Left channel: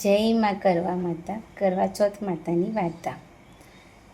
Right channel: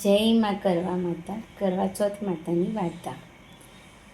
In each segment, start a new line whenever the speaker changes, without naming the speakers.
જય માં કરવા માતા કરવા ચોથ માતાની વાર્તા.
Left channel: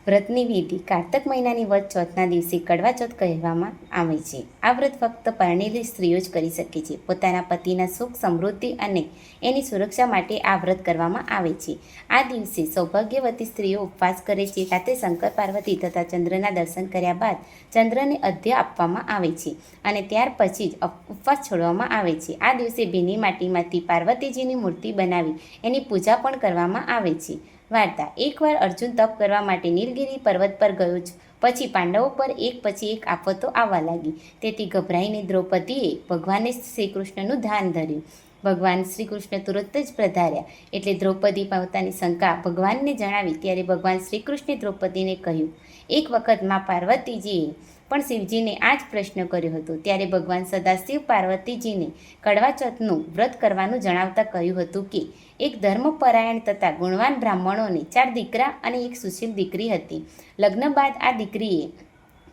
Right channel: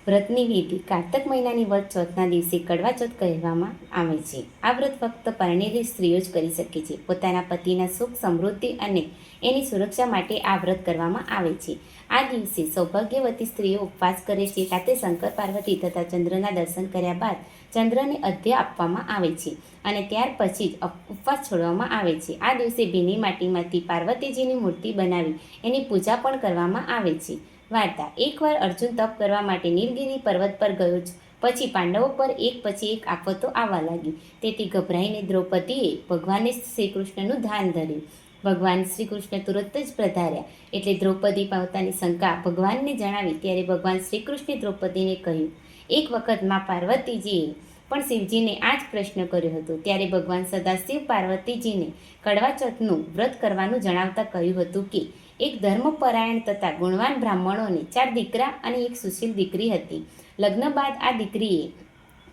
વ્રતની વિધિ કારતક મહિનાની વ્રત ચોથના દિવસે કડવા ચોથ કહેવામાં આવે છે. આ વ્રત ફક્ત પરણેલી સ્ત્રીઓ જ કરી શકે છે. પોતાના પતિના સુખ, સમૃદ્ધિ અને એની સુરક્ષા માટે આ વ્રત કરવામાં આવે છે. આ દિવસે સૌભાગ્યવતી સ્ત્રીઓ ઉપવાસ કરે છે. સાથે શંકર, પાર્વતી તથા ચંદ્રના દર્શન કર્યા બાદ ચંદ્રને અધ્ય આપવામાં આવે છે અને ત્યાર પછી જ ઉપવાસ છોડવામાં આવે છે. આ દિવસે ભીની માટીમાંથી પાર્વતીજીની મૂર્તિ બનાવી એની પૂજા પણ કરવામાં આવે છે. વાર્તા. એકવાર અર્જુન તપ કરવા માટે નીલગિરી પર્વત પર ગયો જ. પછી પાંડવો પર એક પછી એક આફતો આવવા લાગી. તેથી ગભરાઈને દ્રૌપદીએ ભગવાને શ્રી કૃષ્ણનું ધ્યાન ધર્યું. ભગવાન શ્રી કૃષ્ણ તુરંત જ પ્રધાર્યા એટલે દ્રૌપદી પોતાની શંકા ભગવાનને જણાવી ત્યારે ભગવાન શ્રી કૃષ્ણે દ્રૌપદીને કહ્યું, એક વખતમાં પાર્વતીજીએ પણ શિવજીને આ જ પ્રશ્ન કર્યો હતો. ત્યારે ભગવાન સદાશિવ પાર્વતીજીને કડવા ચોથનું વ્રત કરવાનું જણાવતા કહ્યું હતું કે એક ધર્મપરાયણ તથા ગુણવાન બ્રાહ્મણોને ચાર દીકરા અને એક સુશીલ દીકરી હતી. લગ્ન બાદ આ દીકરીએ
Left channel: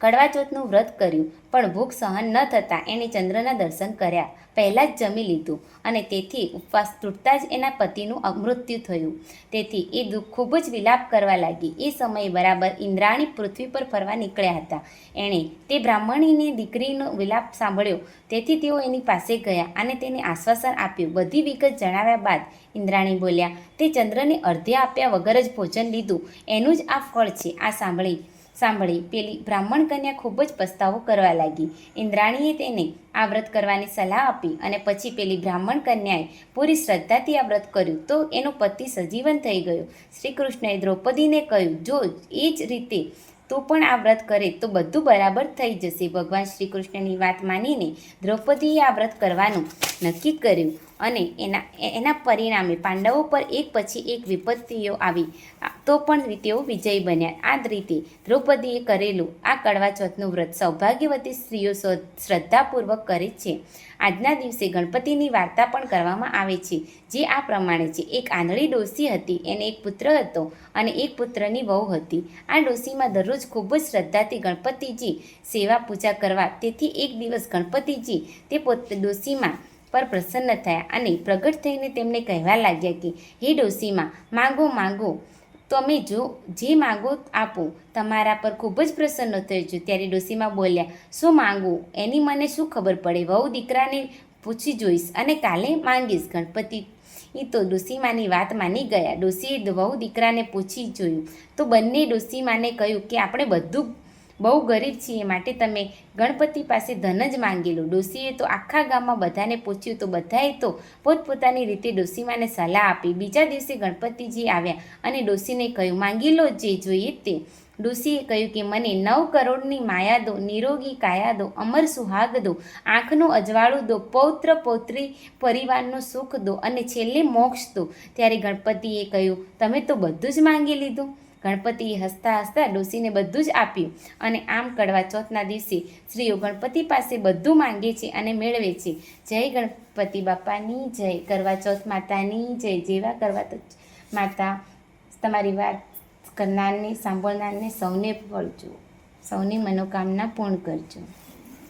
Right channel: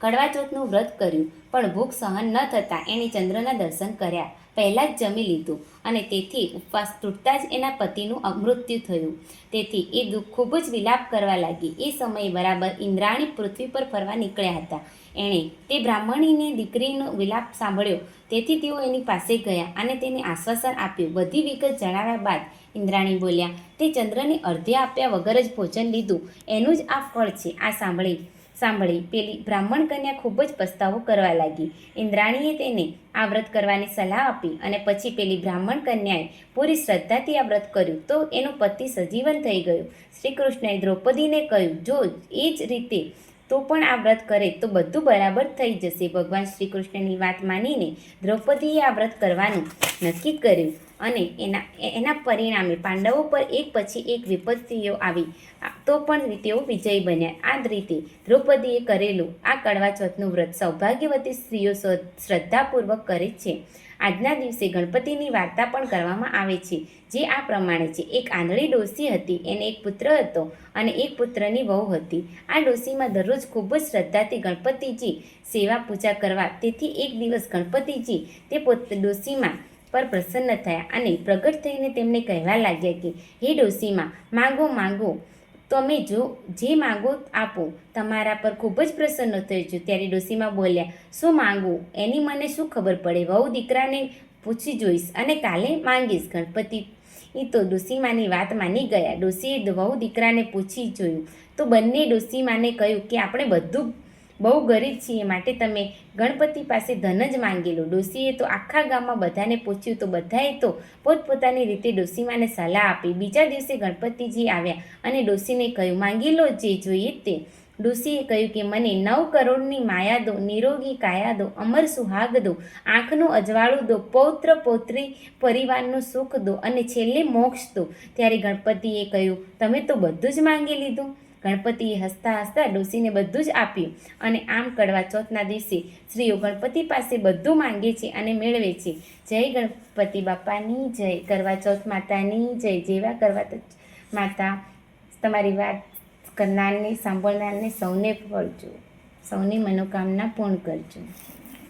કડવા ચોથનું વ્રત કર્યું, પણ ભૂખ સહન ન થતાં એણે ચંદ્રના દર્શન કર્યા. પહેલાં જ જમી લીધું અને તેથી ઉપવાસ તૂટતા જ એના પતિનું મૃત્યુ થયું. તેથી એ દુઃખ ખૂબ જ વિલાપ કરવા લાગી. એ સમયે બરાબર ઇન્દ્રાણી પૃથ્વી પર ફરવા નીકળ્યા હતા. એણે તે બ્રાહ્મણીની દીકરીનો વિલાપ સાંભળ્યો. તેથી તેઓ એની પાસે ગયા અને તેને આશ્વાસન આપ્યું. બધી વિગત જણાવ્યા બાદ ઇન્દ્રાણી બોલ્યા, તે ચંદ્રને અર્ધે આપ્યા વગર જ ભોજન લીધું. એનું જ આ ફળ છે. આ સાંભળી સાંભળી પેલી બ્રાહ્મણ કન્યા ખૂબ જ પસ્તાવો કરવા લાગી. ઇન્દ્રાણીએ તેને આ વ્રત કરવાની સલાહ આપી અને પછી પેલી બ્રાહ્મણ કન્યાએ પૂરી શ્રદ્ધાથી આ વ્રત કર્યું. તો એનો પતિ સજીવન થઈ ગયો. શ્રી કૃષ્ણએ દ્રૌપદીને કહ્યું, જો એ જ રીતે તું પણ આ વ્રત કરે તો બધું બરાબર થઈ જશે. ભગવાન શ્રી કૃષ્ણની વાત માનીને દ્રૌપદીએ આ વ્રત કરવાનું નક્કી કર્યું અને એના એના પરિણામે પાંડવો પર એક પછી એક વિપત્તિઓ આવી. તો પણ તેઓ વિજયી બન્યા. આ રીતે દ્રૌપદીએ કરેલું આ કડવા ચોથનું વ્રત સૌભાગ્યવતી સ્ત્રીઓ શ્રદ્ધાપૂર્વક કરે છે. આજના દિવસે ગણપતિની વાર્તા પણ કરવામાં આવે છે, જે આ પ્રમાણે છે. એક આંધળી ડોસી હતી, એને એક પુત્ર હતો અને એક પુત્રની વહુ હતી. આ ડોસીમાં દરરોજ ખૂબ જ શ્રદ્ધાથી ગણપતિજી સેવા પૂજા કરવા, તેથી એક દિવસ ગણપતિજી તે પોત, ડોસીમાં પર પ્રસન્ન થયા અને પ્રગટ થઈને તેમને કહેવા લાગ્યા કે, હે ડોસીમાં, માંગો માંગો તમે જો જે માંગો આપો, તમારા પર ખૂબ જ પ્રસન્ન છું. ત્યારે ડોસીમાં બોલ્યા, શું માંગવું એની મને શું ખબર પડે? વહુ દીકરાને પૂછી જોઈશ અને કાલે માંગીશ. ગણપતિ એ તો ડોસીમાની વાત માની ગયા. ડોસીએ વહુ દીકરાને પૂછી જોયું. તો બંને ડોસીમાને કહ્યું કે, આપણે બધું બહુ ગરીબ છીએ માટે તમે ગણપતિ પાસે ધન જ માંગેલું ડોસીએ તો આખા ગામમાં બધાને પૂછ્યું, તો બધાએ તો પોતપોતાની રીતે ડોસીમાને સલાહ આપી. બીજા દિવસે ગણપતિજી આવ્યા અને ડોસીને કહ્યું, માંગી લો જે જોઈએ તે. ડોસીએ કહ્યું કે, મને નવ કરોડની માયા દો, નિરોગી કાયા દો, અમર સુહાગ દો, આંખનું અજવાળું દો, પૌત્ર પૌત્રી પરિવારનું સુખ દો અને છેલ્લે મોક્ષ દો. ત્યારે ગણપતિએ કહ્યું, તમે તો બધું જ માંગી લીધું. ગણપતિએ હસતા હસતા ડોસીને બધું જ આપ્યું અને આમ કડવા ચોથના દિવસે સ્ત્રીઓ ગણપતિ પાસે બધું માંગે છે અને મેળવે છે. જય ગણપતિ બાપાની, જય કરવા ચોથ માતાની, જય જેવા કરવા માતા. તમારી વાત કરનારને, સાંભળનારને સૌને ફળજો સૌની મનોકામના પૂર્ણ કરજો.